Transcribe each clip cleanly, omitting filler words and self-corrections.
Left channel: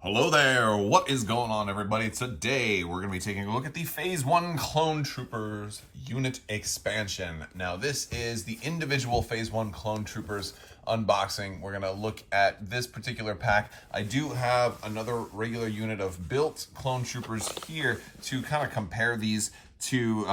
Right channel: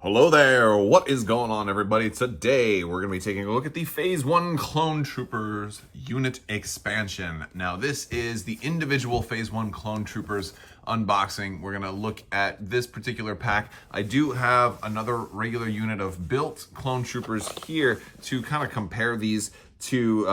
Hello there, what is going on everybody? Today we're going to be taking a look at the Phase 1 Clone Troopers unit expansion. Now this is the individual Phase 1 Clone Troopers unboxing. We're going to look at this particular pack. I do have another regular unit of built Clone Troopers here to kind of compare these to,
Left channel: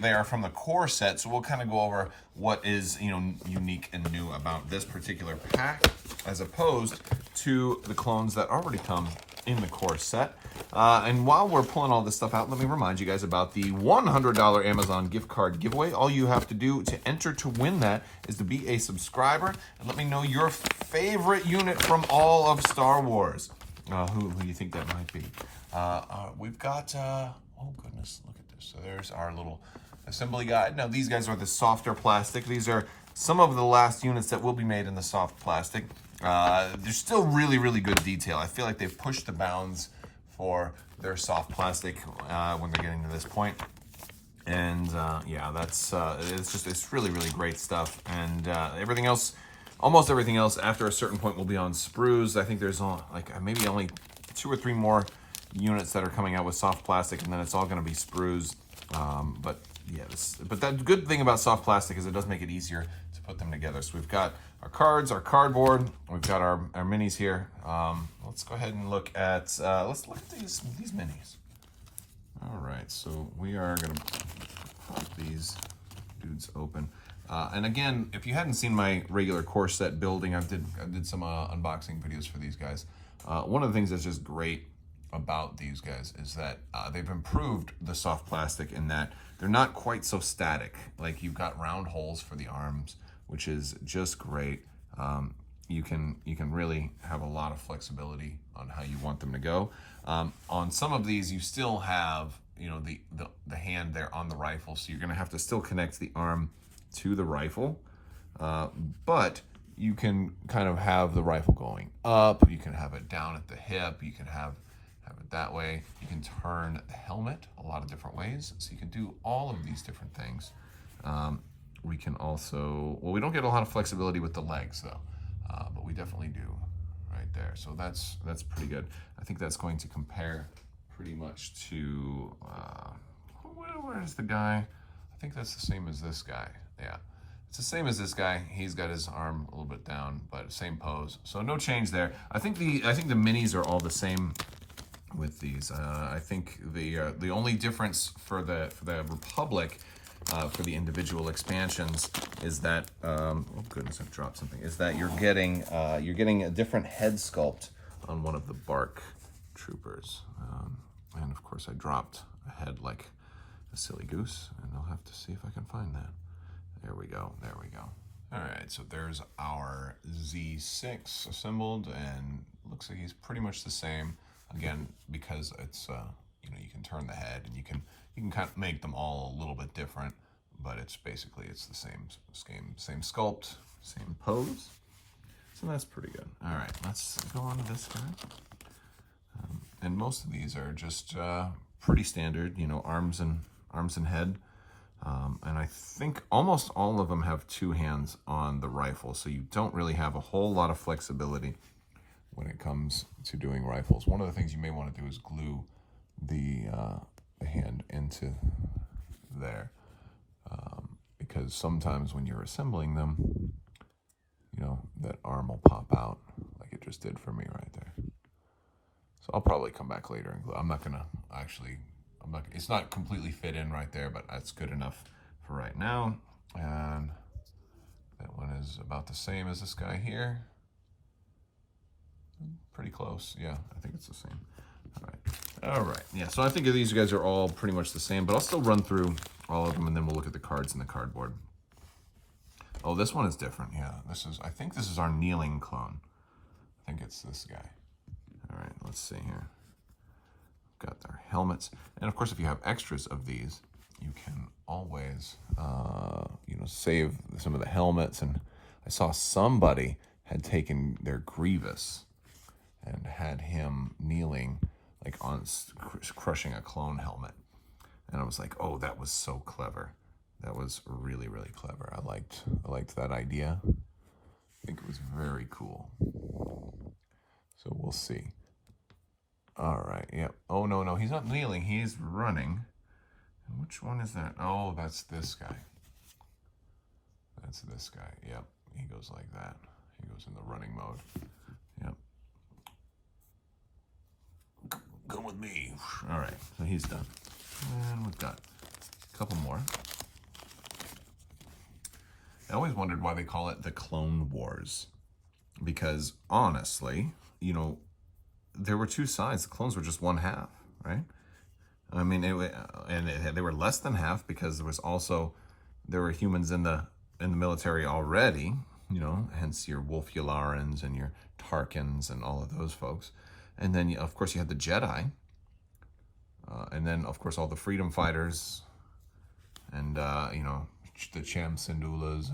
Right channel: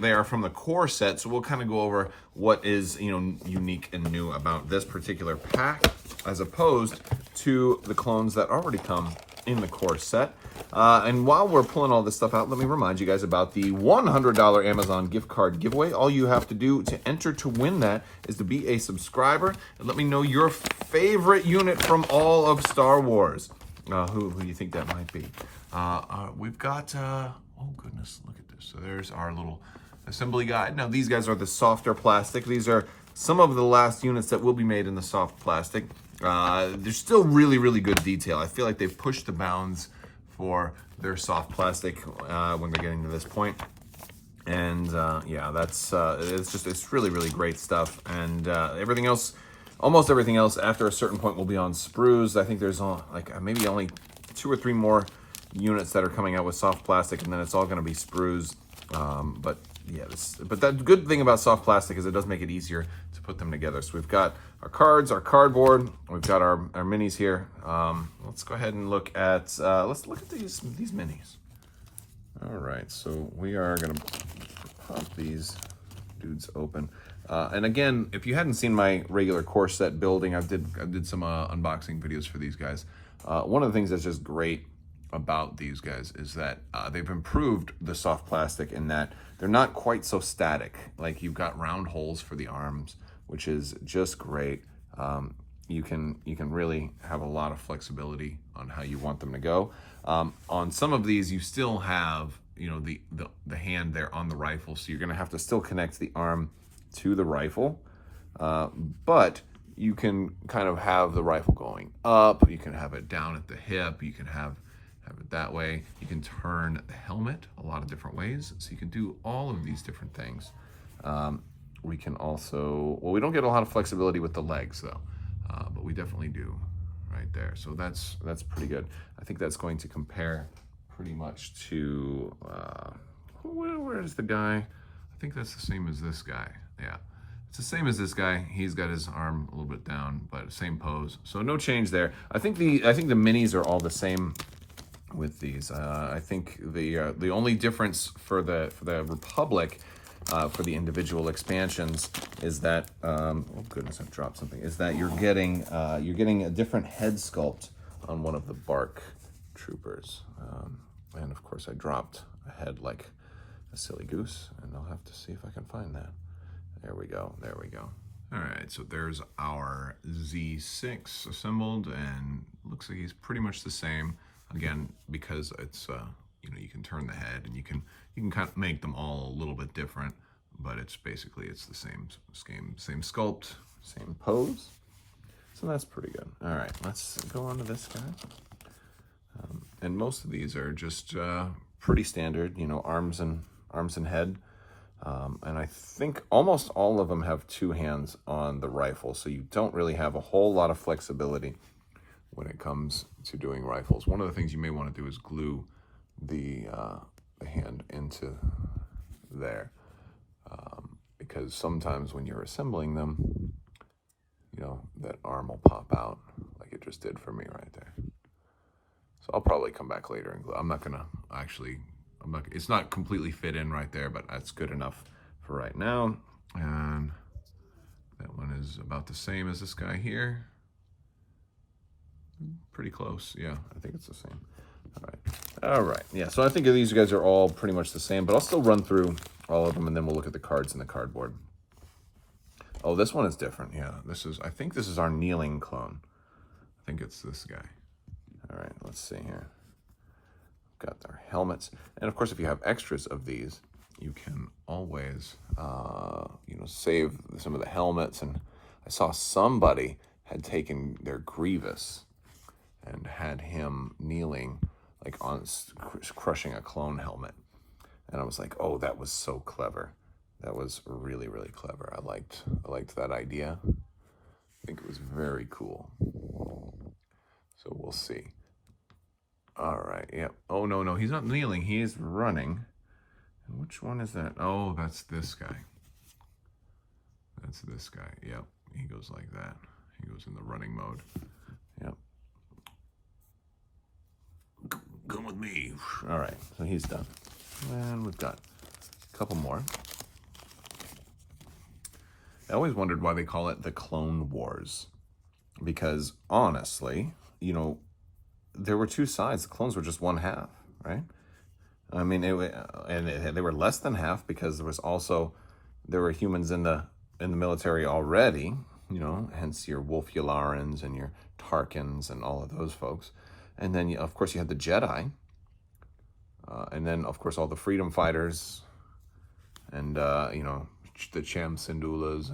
they are from the core set, so we'll kind of go over what is, unique and new about this particular pack as opposed to the clones that already come in the core set. And while we're pulling all this stuff out, let me remind you guys about the $100 Amazon gift card giveaway. All you have to do to enter to win that is to be a subscriber and let me know your favorite unit from all of Star Wars. Who do you think that might be? We've got, oh goodness, look at this. So there's our little assembly guide. Now these guys are the softer plastic. These are some of the last units that will be made in the soft plastic. There's still really, really good detail. I feel like they've pushed the bounds for their soft plastic when they're getting to this point. And yeah, that's it's really, really great stuff. And everything else, almost everything else, after a certain point will be on sprues. I think there's maybe only 2 or 3 more units that are coming out with soft plastic, and then it's all going to be sprues. But yeah, but that good thing about soft plastic is it does make it easier to put them together. So we've got our cards, our cardboard, we've got our minis here. Let's go ahead and look at let's look at these minis. All right, so we are gonna pop these dudes open. And again, if you hadn't seen my regular core set building, I did some unboxing videos for these guys. One of the things that's just great about these guys is that they've improved the soft plastic in that they're not quite so static. Like you've got round holes for the arms, which is just great. You can really have a lot of flexibility on how you want them to go. On some of these, you still have the hand there on the rifle, so you're going to have to still connect the arm to the rifle, but you can kind of have the rifle going up. You can have it down at the hip. You can have it that way. You can turn the helmet a lot of different ways, so you can do all of these different things. We can also, well, we don't get a lot of flexibility with the legs though, but we definitely do right there. So that's pretty good. I think that's going to compare pretty much to, where's the guy? I think that's the same as this guy. Yeah, it's the same as this guy. He's got his arm a little bit down, but same pose. So no change there. I think the minis are all the same with these. I think the only difference for the Republic, for the individual expansions, is that oh goodness, I've dropped something. Is that you're getting a different head sculpt on one of the Bark troopers, and of course I dropped a head like a silly goose, and I'll have to see if I can find that. There we go. There we go. All right, so there's our Z6 assembled, and looks like he's pretty much the same. Again, because it's you can turn the head, and you can kind of make them all a little bit different, but it's the same sculpt, same pose. So that's pretty good. All right, let's go on to this guy. And most of these are just pretty standard, arms and head. And I think almost all of them have 2 hands on the rifle, so you don't really have a whole lot of flexibility when it comes to doing rifles. One of the things you may want to do is glue the hand into there, because sometimes when you're assembling them, that arm will pop out like it just did for me right there. So I'll probably come back later and glue. It's not completely fit in right there, but that's good enough for right now. And that one is about the same as this guy here. Pretty close, yeah, I think it's the same. All right, yeah, so I think these guys are all pretty much the same, but I'll still run through all of them, and then we'll look at the cards in the cardboard. Oh, this one is different, yeah. I think this is our kneeling clone. I think it's this guy. All right, let's see here. Got their helmets, and of course, if you have extras of these, you can always, save some of the helmets. And I saw somebody had taken their Grievous and had him kneeling, like crushing a clone helmet, and I was like, oh, that was so clever. That was really, really clever. I liked that idea. I think it was very cool. So we'll see. All right, yep. Oh, no, no, he's not kneeling. He's running. And which one is that? Oh, that's this guy. That's this guy. Yep, he goes like that. He goes in the running mode. Yep. Come with me. All right, so he's done. And we've got a couple more. I always wondered why they call it the Clone Wars. Because honestly, you know, there were two sides. The clones were just one half, right? I mean, they were less than half because there were humans in the military already, you know, hence your Wolf Yalarans and your Tarkins and all of those folks. And then, of course, you had the Jedi. And then, of course, all the freedom fighters and, you know, the Cham Syndulas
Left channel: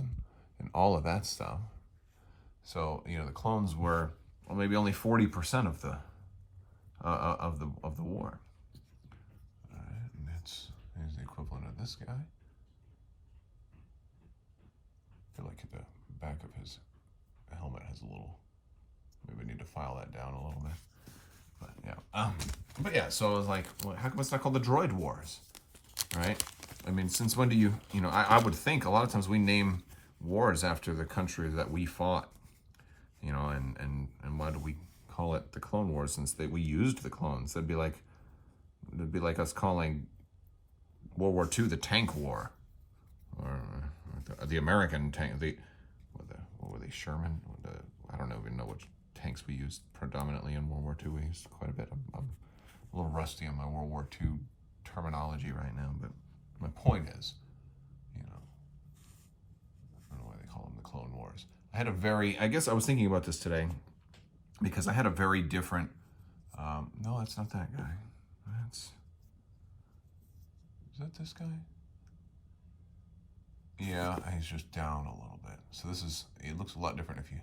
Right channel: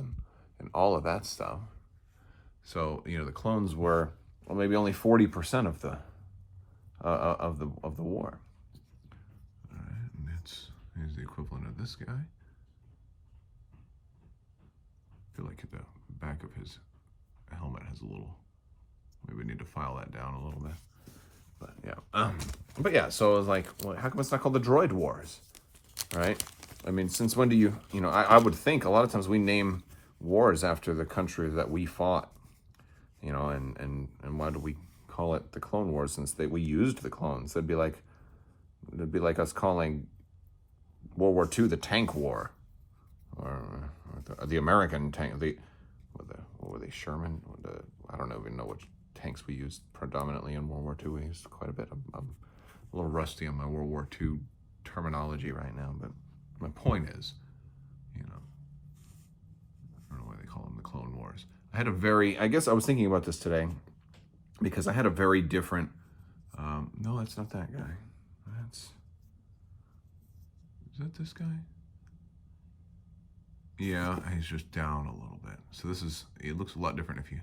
and all of that stuff. So, you know, the clones were maybe only 40% of the war. All right, and here's the equivalent of this guy. I feel like the back of his helmet has a little. Maybe we need to file that down a little bit. But yeah. So I was like, well, how come it's not called the Droid Wars, right? I mean, since when do you know? I would think a lot of times we name wars after the country that we fought. You know, and why do we call it the Clone Wars since we used the clones? It'd be like us calling World War II the Tank War, or the American tank. What were they? Sherman? I don't even know which tanks we used predominantly in World War II. We used quite a bit. I'm a little rusty on my World War II terminology right now, but my point is, you know, I don't know why they call them the Clone Wars. I guess I was thinking about this today because I had a very different, no, that's not that guy. Is that this guy? Yeah, he's just down a little bit. So it looks a lot different if you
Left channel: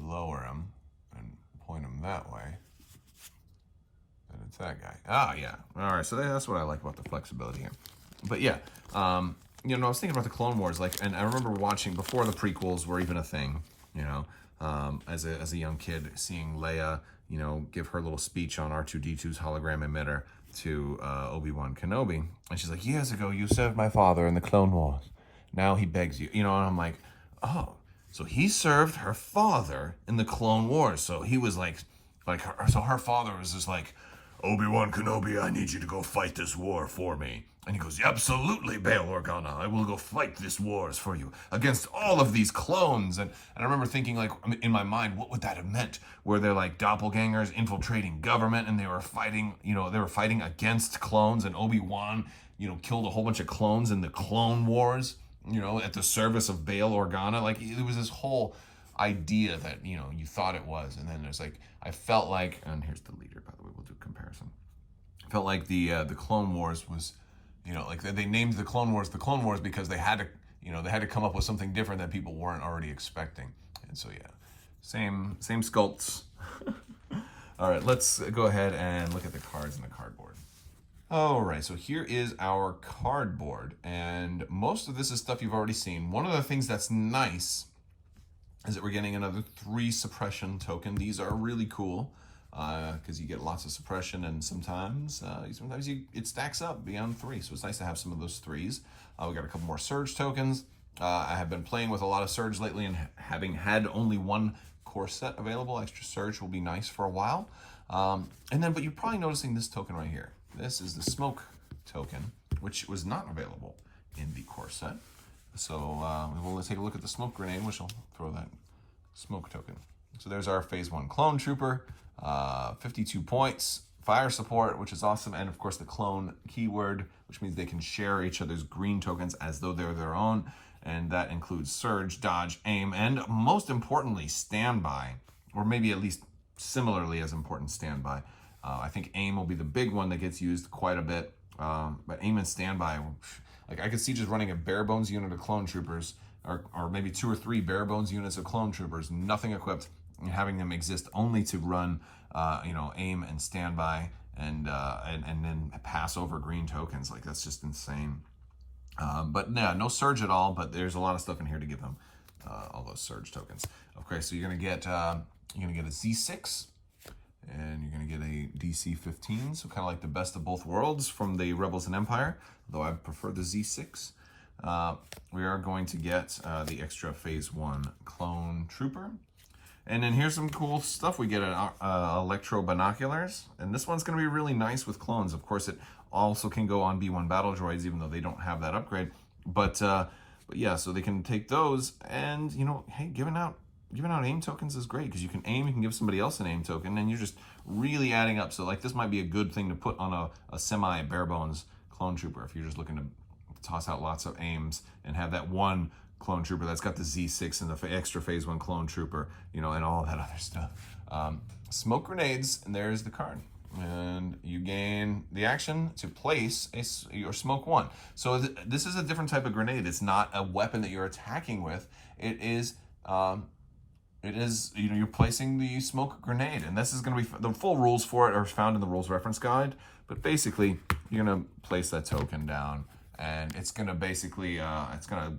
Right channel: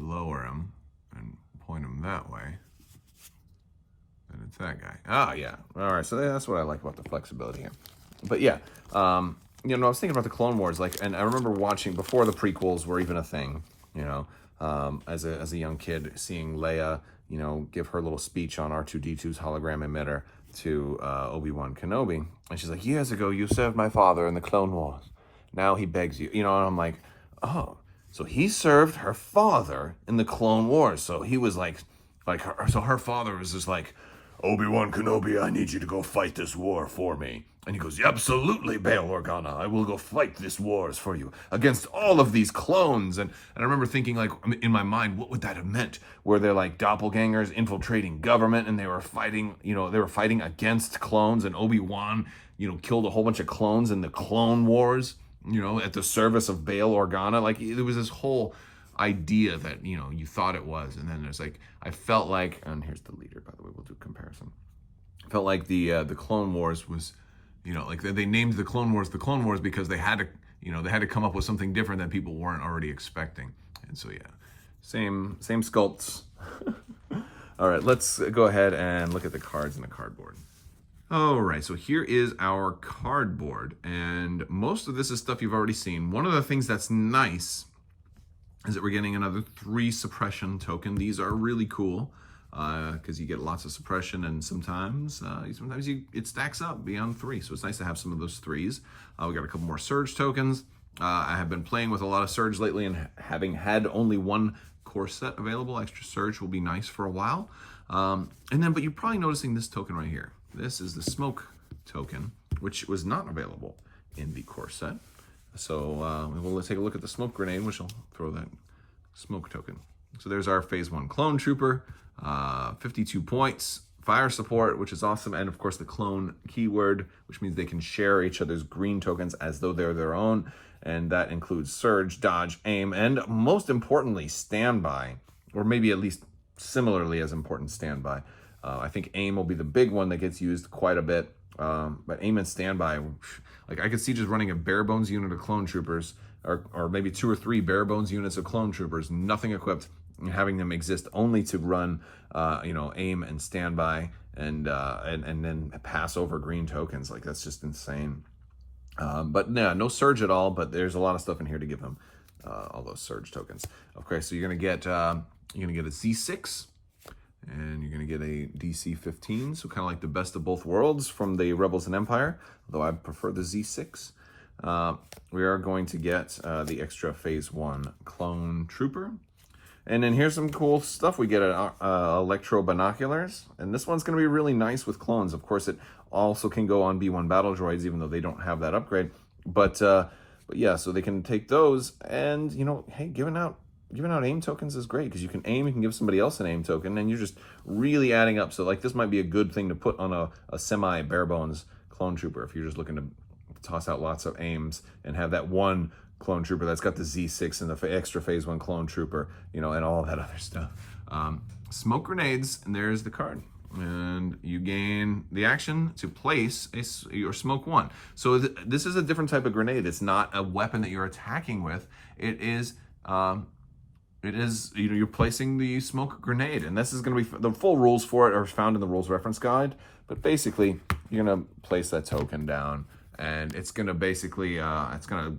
lower him and point him that way. Then it's that guy. Oh, yeah. All right, so that's what I like about the flexibility here. But yeah, you know, I was thinking about the Clone Wars, and I remember watching before the prequels were even a thing, you know, as a young kid, seeing Leia, you know, give her little speech on R2-D2's hologram emitter to Obi-Wan Kenobi, and she's like, "Years ago, you served my father in the Clone Wars. Now he begs you," you know, and I'm like, oh, so he served her father in the Clone Wars, so he was so her father was just like, "Obi-Wan Kenobi, I need you to go fight this war for me." And he goes, "Absolutely, Bail Organa, I will go fight this wars for you against all of these clones." And I remember thinking, like, in my mind, what would that have meant? Were there like doppelgangers infiltrating government and they were fighting, you know, against clones, and Obi-Wan, you know, killed a whole bunch of clones in the Clone Wars, you know, at the service of Bail Organa. Like, there was this whole idea that, you know, you thought it was. And then there's like, I felt like, and here's the leader, by the way, we'll do comparison. I felt like the Clone Wars was, you know, like they named the Clone Wars because they had to come up with something different that people weren't already expecting. And so, yeah, same sculpts. All right, let's go ahead and look at the cards in the cardboard. All right, so here is our cardboard, and most of this is stuff you've already seen. One of the things that's nice is that we're getting another 3 suppression token. These are really cool because you get lots of suppression, and sometimes it stacks up beyond 3. So it's nice to have some of those 3s. We got a couple more Surge tokens. I have been playing with a lot of Surge lately, and having had only 1 core set available, extra Surge will be nice for a while. But you're probably noticing this token right here. This is the Smoke token, which was not available in the core set. So we'll take a look at the Smoke Grenade, which will throw that Smoke token. So there's our Phase 1 Clone Trooper, 52 points, fire support, which is awesome, and of course the clone keyword, which means they can share each other's green tokens as though they're their own, and that includes Surge, Dodge, Aim, and most importantly, Standby, or maybe at least similarly as important, Standby. I think Aim will be the big one that gets used quite a bit, but Aim and Standby, like I could see just running a bare bones unit of clone troopers, or maybe 2 or 3 bare bones units of clone troopers, nothing equipped, and having them exist only to run, Aim and Standby, and then pass over green tokens. Like, that's just insane. But yeah, no Surge at all. But there's a lot of stuff in here to give them all those Surge tokens. Okay, so you're gonna get a Z6, And you're going to get a DC 15, so kind of like the best of both worlds from the Rebels and Empire, though I prefer the Z6. We are going to get the extra Phase 1 Clone Trooper. And then here's some cool stuff. We get electro binoculars, and this one's going to be really nice with clones. Of course, it also can go on B1 battle droids, even though they don't have that upgrade. But yeah, so they can take those, and you know, hey, giving out aim tokens is great because you can aim, you can give somebody else an aim token, and you're just really adding up. So like this might be a good thing to put on a semi bare bones clone trooper if you're just looking to toss out lots of aims and have that one clone trooper that's got the Z6 and the extra Phase 1 clone trooper, you know, and all that other stuff. Smoke grenades, and there's the card. And you gain the action to place your smoke 1. So this is a different type of grenade. It's not a weapon that you're attacking with. It is, you know, you're placing the smoke grenade, and this is going to be, the full rules for it are found in the rules reference guide. But basically, you're going to place that token down, and it's going to basically, it's going to,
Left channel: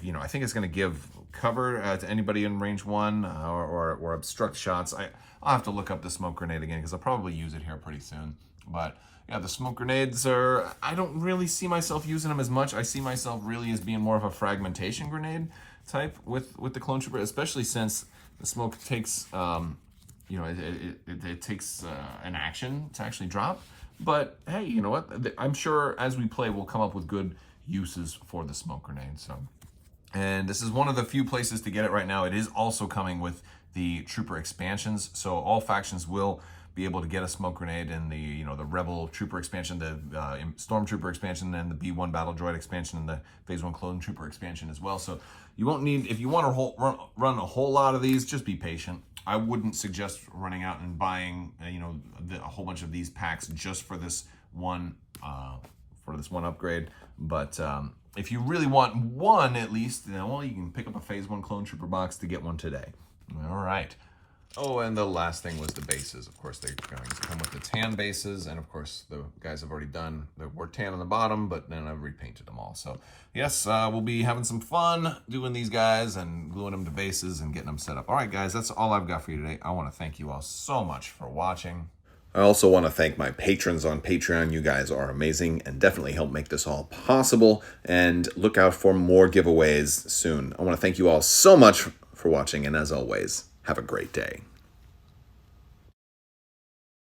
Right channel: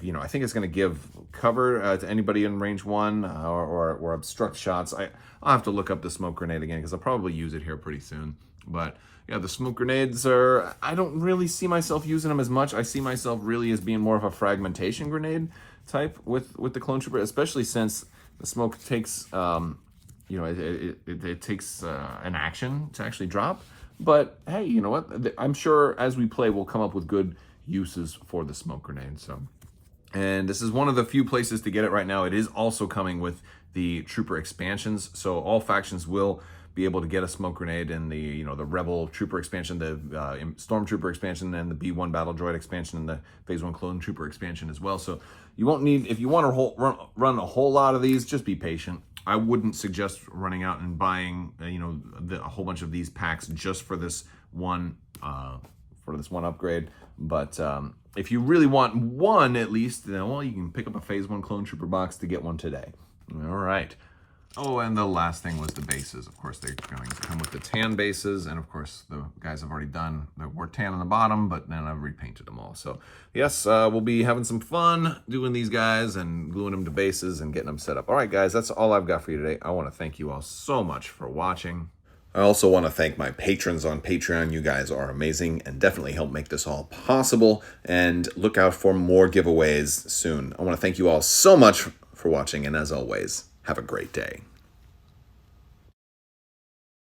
you know, I think it's going to give cover to anybody in range 1 or obstruct shots. I'll have to look up the smoke grenade again because I'll probably use it here pretty soon. But yeah, the smoke grenades are, I don't really see myself using them as much. I see myself really as being more of a fragmentation grenade type with the clone trooper, especially since the smoke takes, you know, it takes an action to actually drop. But hey, you know what? I'm sure as we play, we'll come up with good uses for the smoke grenade. So, and this is one of the few places to get it right now. It is also coming with the trooper expansions, so all factions will be able to get a smoke grenade in the, you know, the Rebel trooper expansion, the Stormtrooper expansion, and the B1 battle droid expansion, and the Phase 1 clone trooper expansion as well. So you won't need, if you want to run a whole lot of these, just be patient. I wouldn't suggest running out and buying, you know, a whole bunch of these packs just for this one upgrade. But if you really want one at least, you know, well, you can pick up a Phase 1 clone trooper box to get one today. All right. Oh, and the last thing was the bases. Of course, they're going to come with the tan bases, and of course, the guys have already done the were tan on the bottom, but then I've repainted them all. So yes, we'll be having some fun doing these guys and gluing them to bases and getting them set up. All right, guys, that's all I've got for you today. I want to thank you all so much for watching. I also want to thank my patrons on Patreon. You guys are amazing and definitely help make this all possible. And look out for more giveaways soon. I want to thank you all so much for watching, and as always, have a great day.